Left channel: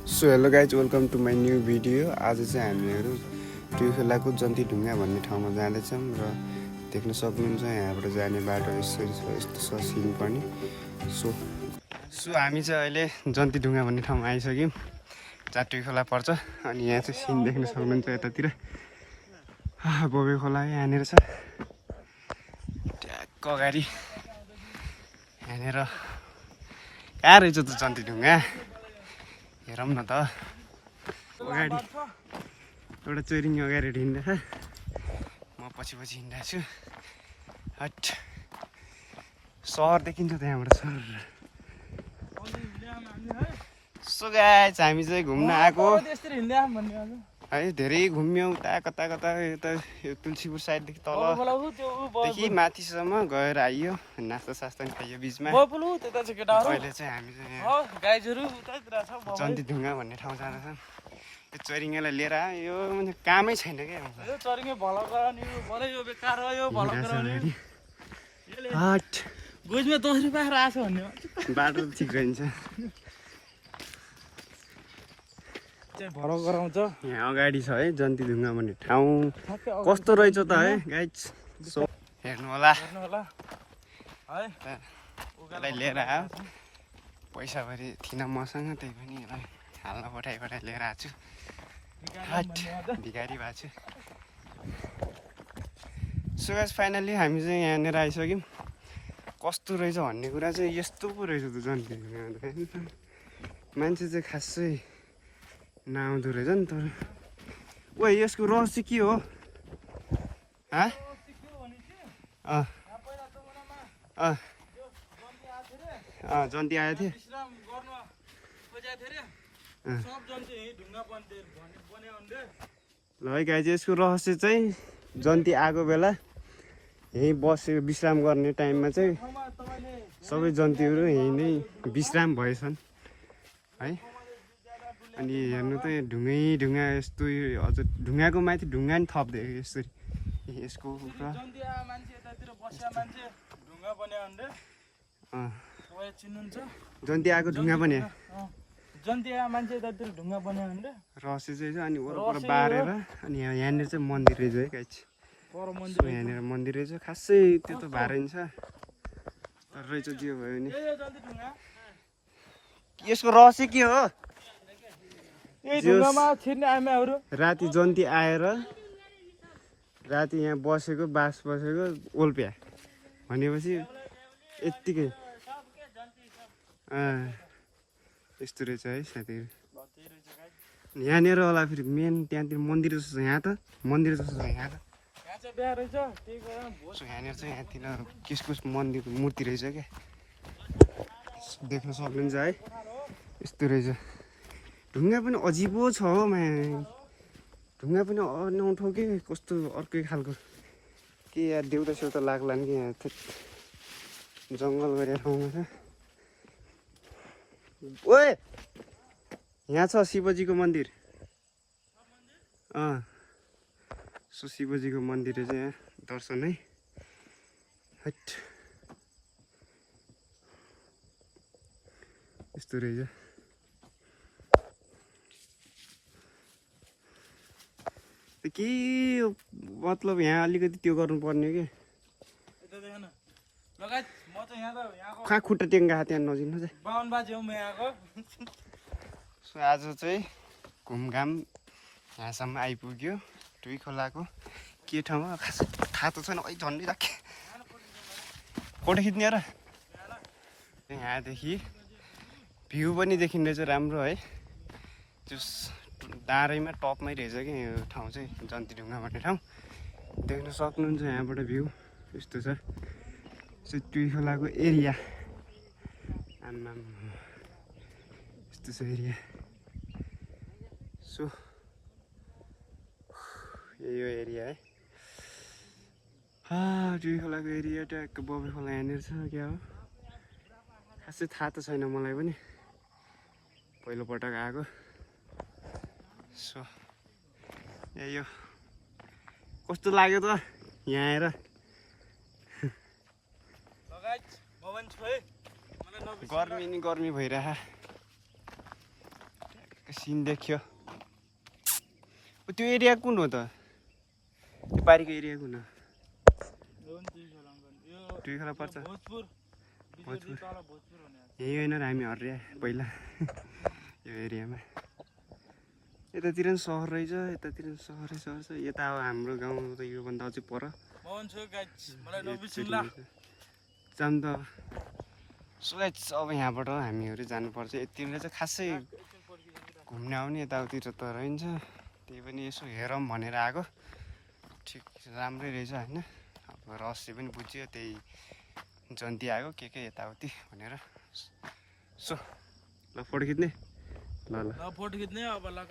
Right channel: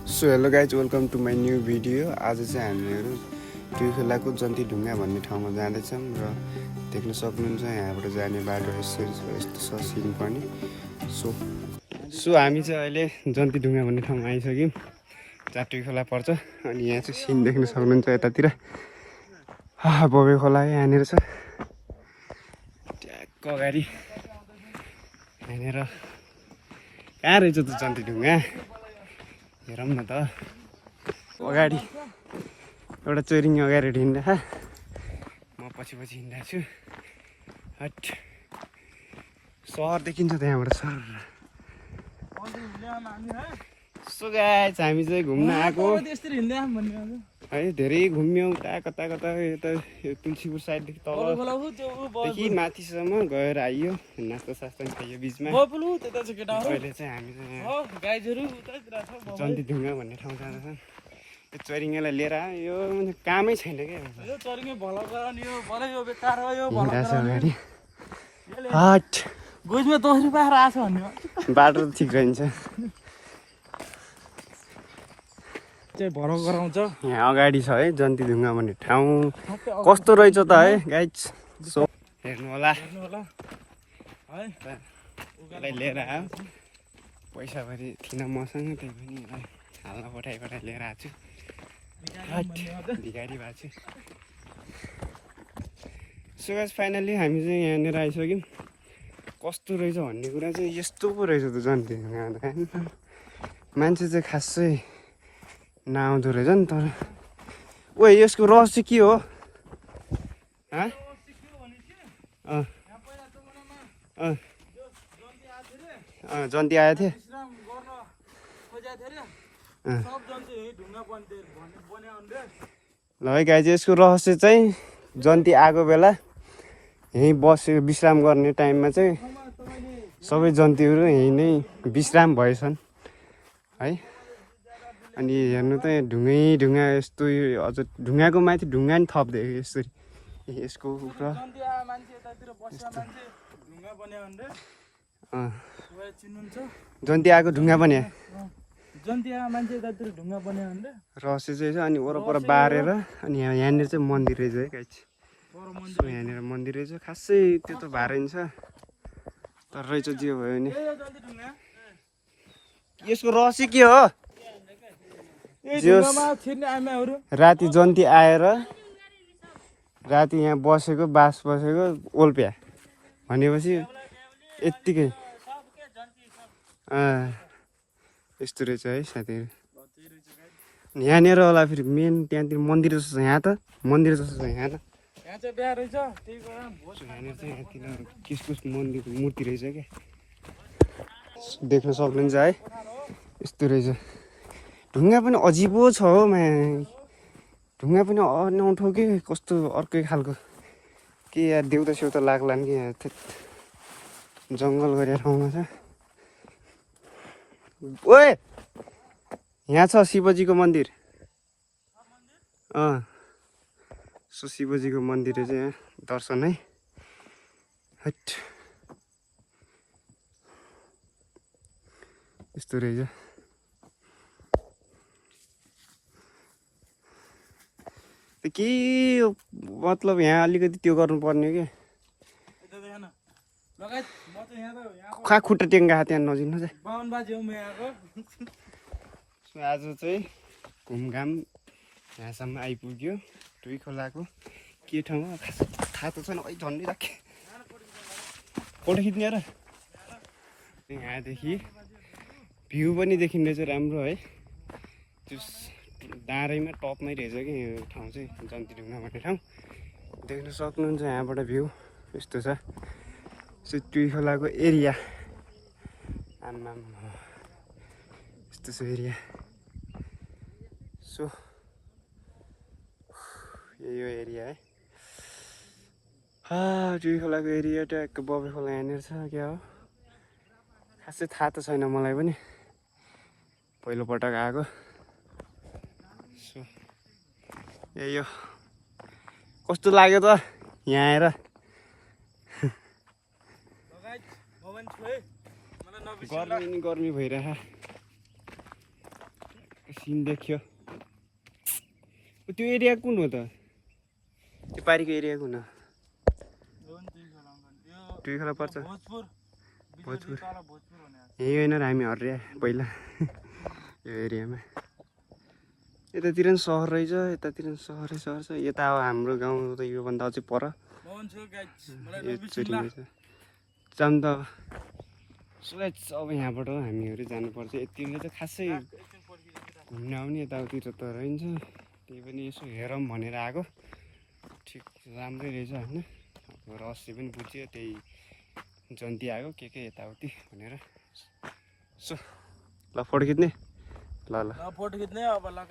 So hello guys welcome to my new video. आज चाहिँ हामीहरू टुइखोलाको जन्ती ढुङ्गा भन्ने ठाउँमा जाँदैछौँ र देख्न सक्नुहुन्छ यहाँबाट जाने बाटो यसरी छ, यस्तो छ सिन पनि। सो हामी चाहिँ अहिले जन्ती ढुङ्गा भन्ने ठाउँमा आइसक्यौँ जहाँ टुइखोला पर्छ। अनि यहाँ चाहिँ सिन देख्न सक्नुहुन्छ यतातिर बबे खोला यहाँनिर छ ट्याक्क अगाडि। यहाँनिर कहाँ रहेछ त जन्ती ढुङ्गा हेरौँ न त। अगाडि एउटा चोरिङ अगाडि हिँड्दा म पछि हिँड्दा छु। हट सहर देखिन्छ त्यहाँबाट सर। सो गाइस हामी चाहिँ घुम्न आएको है, धेरै घुम्यौँ कता कता यता तुलसीपुर साइडदेखि तलदेखि माथिसम्म गएर आइयो, नास्ता सास्ता पनि खाइयो बिचमा। अहिले चाहिँ हामी चाहिँ यहाँ जन्ती ढुङ्गा भन्ने ठाउँ जाँदैछौँ। यो चोरिङेलाई लिएर आयो, यो कामै छैन क्या बाटो ठिक रहन्छ। यहाँ अगाडि छ है जन्ती ढुङ्गा भन्ने ठाउँ। कस्तो रहेछ त है गाइज, सो हेर्नु होला। यसलाई लिएर आयो, पैसा भरि थिएन मसँग, त्यही पनि यसलाई हाल्न पठाइ लिएर आएको छु। हट भिखारी भएको छु। सो गाइस फाइनली हामी चाहिँ यहाँनिर आइसक्यौँ। कस्तो रहेछ भन्ने कुरा चाहिँ यस्तो पो रहेछ त जन्ती ढुङ्गा। मान्छे चाहिँ खासै नआउँदो रहेछ नि। तर ओ यसको रहस्य के हो? जन्ती आएको थियो। ल है गाइज, यसको रहस्य चाहिँ जन्ती आएको बेला यहीँ बसेको विश्राम गर्ने टाइममा चाहिँ सबै जन्तीहरू यहीँ नै विश्राम भएछन् है। अनि हेर्नु त यहाँ ढुङ्गा यस्तो, अझ ढुङ्गाको माथि ढुङ्गा नि थप्दिएको यसरी। यसको जन्ती आएको ढुङ्गा बन्या रहस्य चाहिँ छ। अनि वरपर बारेर अनि यहाँनिर चाहिँ मन्दिर रहेछ है गाइज। सो यहाँनिर मन्दिर रहेछ, खासै त्यो त भारै छ तर रहेछ जे भयो नि। यसको रहस्य के हो? राति जन्ती आएर राति यहाँ बसेको, बास बसेको ओल्प्या भनेपछि यत्तिकै यस्तो रहेछ है साथीहरू। यहाँनिर होला फेरि मेन त्यहाँतिर मन्दिर जस्तो छ। यहाँ त मन्दिर जस्तो छ यहाँ त। यहाँनिर चाहिँ यहाँतिर किसकुस मन्दिर मूर्ति रहेछ क्या, देख्न सक्नुहुन्छ है। यस्तो रहेछ। ढुङ्गा पनि अजिबो छ हो माया। ढुङ्गा पनि अनौठो कि कस्तो अर्कै खालको के यार, देउता सेउता लाग्ला नि कि जङ्गल गरेर ठाउँमा छ। ओए यहाँ छ शिवजीको मन्दिर। सो शिवजीको मन्दिर चाहिँ यहाँ दर्शन है। हट यस्तो रहेछ। के मतलब यहाँ अलिकति त्यो गर्नुपर्ने कि खा खुट्टा टेङ्गा त्यहाँ नजिक चाहिँ। सो आज चाहिँ घुमघाम यहाँसम्म आइपुग्यो। टुइखोलाको के ठाउँ हो खास थाहा त छैन। है झन्डै राखेँ फोटो खिच्ने र। यहाँदेखि भ्यू पनि देखिँदैछ राम्रो है। त्यो डाँडैमा टपमै रहेछ कि यो ठाउँ चाहिँ जन्ती ढुङ्गा भन्ने ठाउँ। देख्न सक्नुहुन्छ यहाँबाट भ्यू यस्तो छ। सो टुइखोलाको एरिया आम्मा यस्तो छ एरिया। सो यो एरिया है। टुइखोलाको एरिया ट्याक्क बबे खोला यहाँनिर छ। क्या हो खासै थाहा त छैन मलाई पनि, पहिलोपटक आएको। सो यही हो। कस्तो लाग्यो त यहाँ आएर? गर्मी नि गर्मी भइरह। सिन देख्यो त्यो एरिया कुन हो त त्यो पारीको एरिया कुन हो टुइखला पर्छ भोजपुर यही होइन र हामी हर्रिया पहिला यो एरियामा यतातिर पनि सहर रहेछ यतातिर पनि सहरै सहर छ यता अब हाम्रो गाउँ त योभन्दा अझै पर जाम त सुगाइ अब यहाँबाट हामीहरू जानुपर्छ यतिले चाहिँ खासै घुम्न आउने यताउतिर त रहन्छ त्यही पनि यसो हेरौँ भनेर आएको ठिक राम्रै रहेछ होइन अब रहस्य पनि बुझ्यो त्यही जन्ती आएको के यताउति भनेर सो ल फोटो खिच्ने ल फोटो खिच्ने अब ल